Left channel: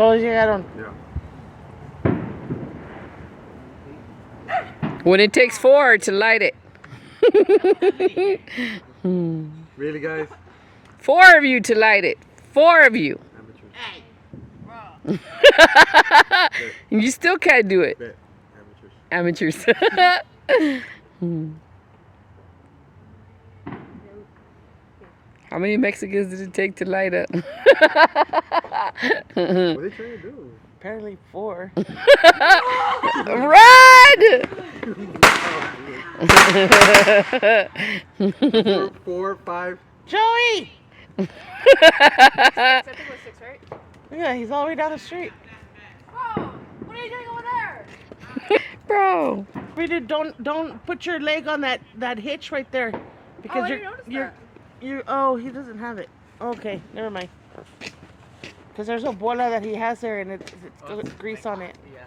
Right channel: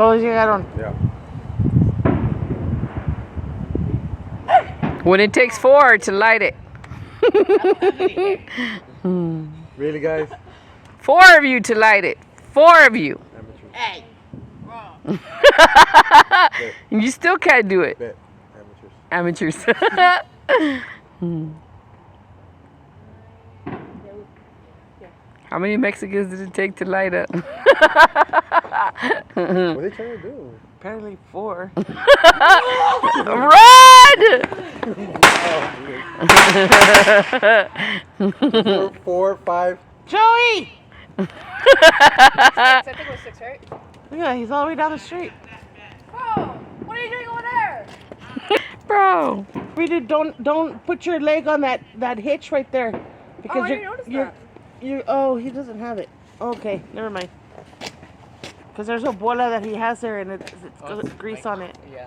Todos llegaron. Yeah. When it takes 4 to light it. Really, guys? 4 of you to light it. 4 of you. Amateurs. Hey. You still can't do it. Bet. Amateurs. Amateurs. How many Mexicans did it take to light up? What are they trying to do? Apparently 4. Run! 4, 5. Joey! I think it was 6, right? Yeah, he's all the way down the street. Bro, what are you doing over there? Bro. Reader, don't put your leg on that hitch right there. Because I didn't notice that. Oh, he doesn't have it. Okay, never mind. Because there's a bola that he has there and it's grease on it. Yeah.